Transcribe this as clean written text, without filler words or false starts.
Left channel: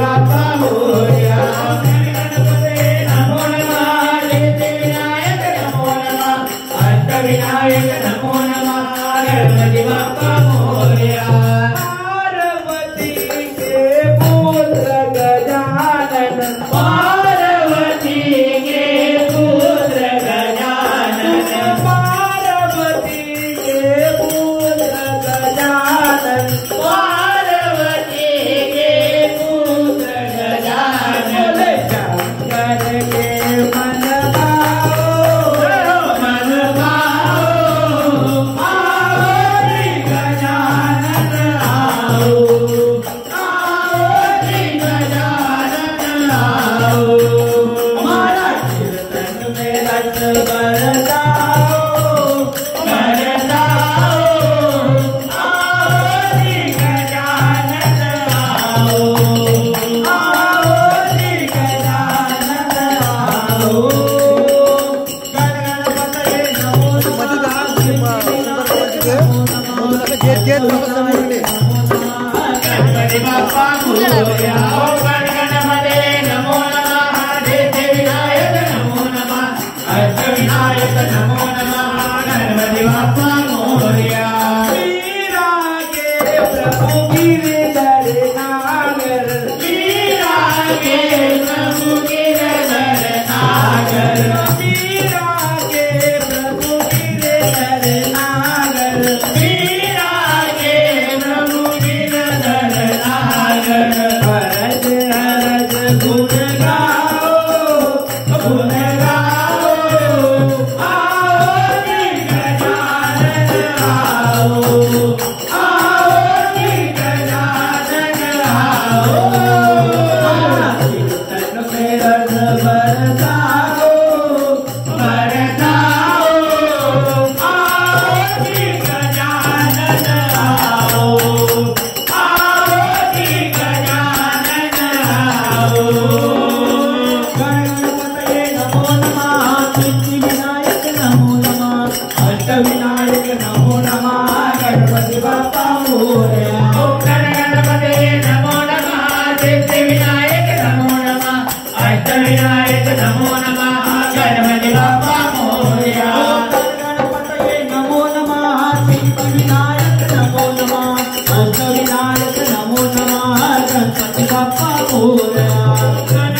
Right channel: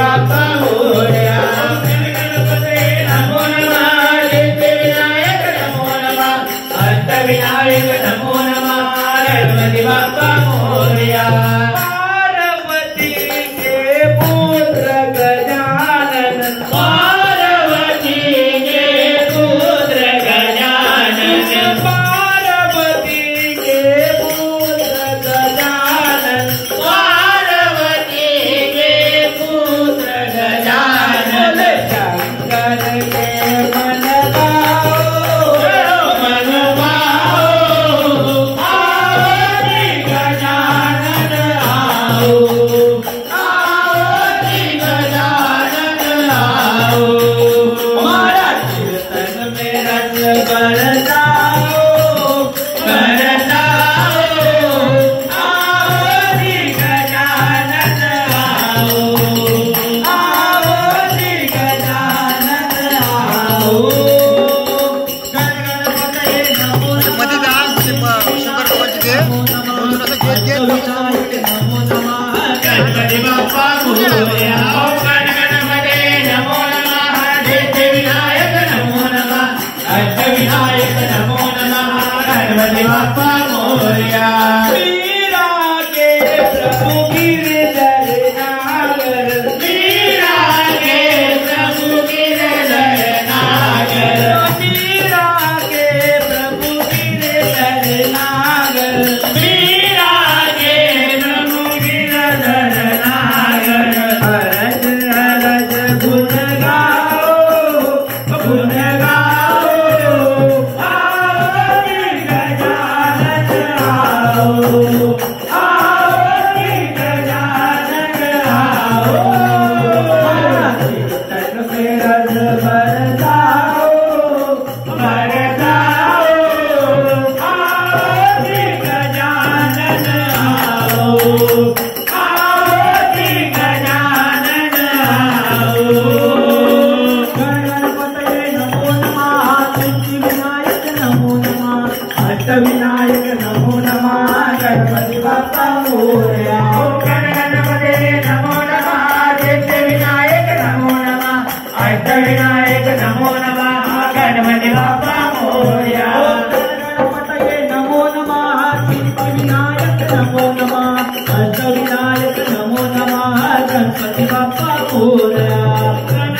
बाप्पा मोरया गणपते नमो नमः सिद्धिविनायक नमो नमः अष्टविनायक नमो नमः गणपति बाप्पा मोरया पार्वती के पुत्र गजानन पार्वती के पुत्र गजानन पार्वती के पुत्र गजानन पार्वती के पुत्र गजानन शंकर के मन गणपति बाप्पा मोरया गणपते नमो नमः सिद्धिविनायक नमो नमः अष्टविनायक नमो नमः गणपति बाप्पा मोरया वीरा के प्रभु गिरधर नागर वीरा के प्रभु गिरधर नागर वीरा के प्रभु गिरधर नागर वीरा के प्रभु गिरधर नागर हरज हरज गुण गाओ आओ जी गजानन आओ जी गजानन आओ कीर्तन में रस बरसाओ आओ जी गजानन आओ जी गजानन आओ गणपतये नमो नमः सिद्धिविनायक नमो नमः अष्टविनायक नमो नमः गणपति बाप्पा मोरया गणपते नमो नमः सिद्धिविनायक नमो नमः अष्टविनायक नमो नमः गणपति बाप्पा मोरया गणपतये नमो नमः सिद्धिविनायक नमो नमः अष्टविनायक नमो नमः गणपति बाप्पा मोरया।